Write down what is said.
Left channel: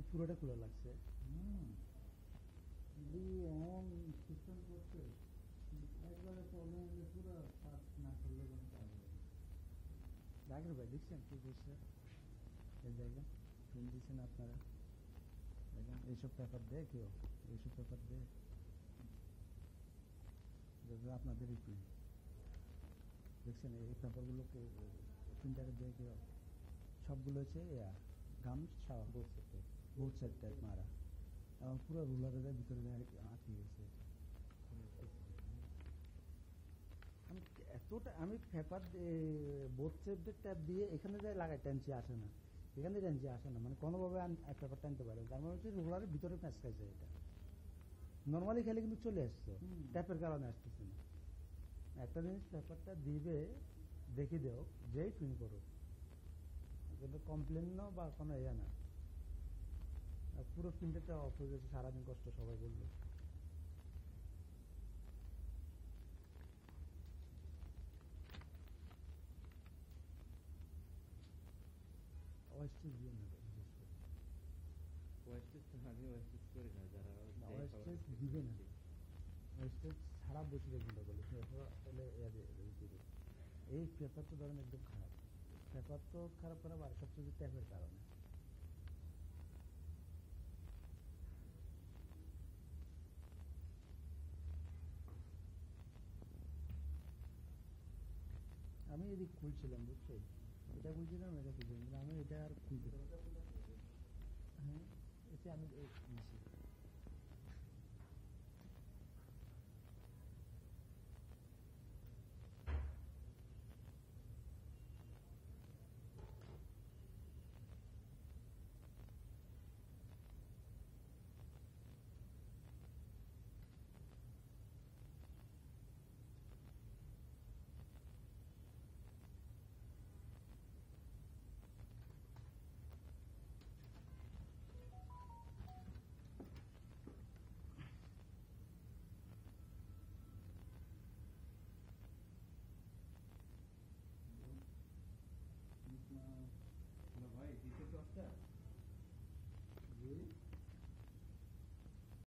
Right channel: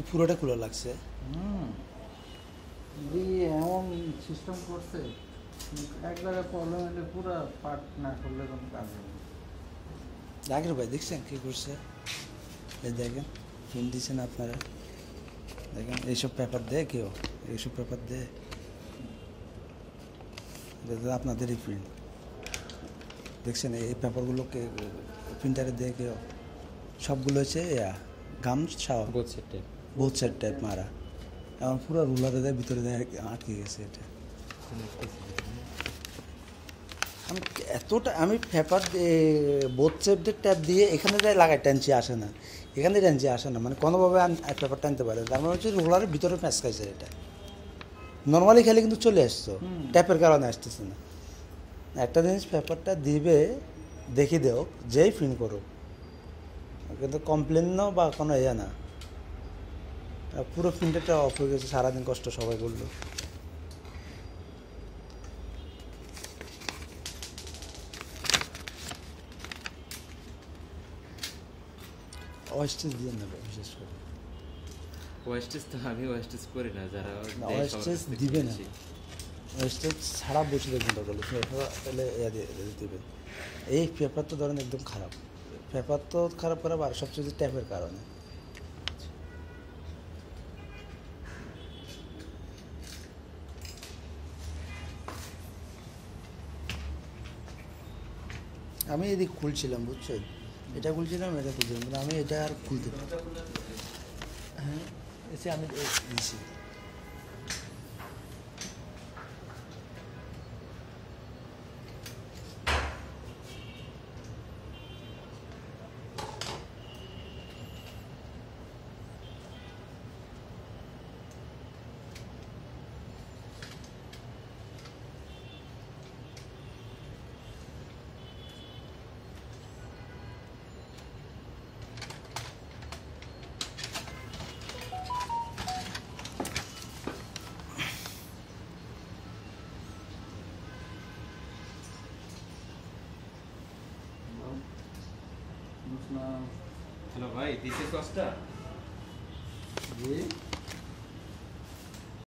এই পুরোটা খোলা লাগছে। হুম, এমন সিস্টেম করছে, এক জায়গায় প্রবলেম হলে পুরো পার্ট না করলে কোনো কাজ হবে না। জাকির ভাই দেখছেন কী করছে? এই দেখেন প্রিন্ট দিচ্ছেন আপনারা, দেখেন এইসব পেপার দেয় কেউ, এইসব পেপার দেয়, এটা তো আপনাদেরই প্রিন্ট। দেখছেন এই পেপারগুলোকে প্রিন্টারে দেয় কেউ? সবগুলো হচ্ছে গামছা বোথ সাইড টাইপ মারা, এখন পুরো রুলারে দেয়, ভিতরে দেয় আটকে গেছে এটা। আমি এতটা আমি পেপার বোথ সাইডের ট্যাপ দিয়ে এখানে দেয় লাগাই, টানছি আসে না, এখানে টানছি আসে না, মানে কোনোভাবে পেপার টানতে পারে, তার মানে হচ্ছে রোলারের ভিতরে প্যাঁচ খাইছে এটা। নর্মালি খেলে কিন্তু চলে আসতো, ট্যাপের কারণে আসতেছে না। একটা জিনিস পেপারটা দিবে দেখি দেও যেই প্রিন্ট করুক, কিন্তু কমপ্লেন বা কোনো ইয়ে না। পুরো প্রিন্টারটা অফ হয়ে গেছে, সারাদিন কষ্ট সবাই করলো। ওয়েস্টেজ দিয়ে নেবে বিশেষ করে, ওয়েস্টেজ তো আমি ওয়েস্টেজ করি না, যারা ওয়েস্টেজ দিবে না, ওয়েস্টেজ ছাড়া বসে দেখবেন দরকার তাহলে দেবে। এই পেপার তো ধরেন একদম খারাপ, পেপার তো খারাপ খারাপ, আর সবচেয়ে ট্যাপের কারণে। আমি এদিক খুলছিলাম বুঝছেন, এটা খুলছিলাম, এটা খুলছিলাম, কিন্তু আমি এটা আর খুলতে পারি। হ্যাঁ এসে আমি দিছি। বুঝলাম। হ্যালো ভাই, দিস ইজ কস্টা। জি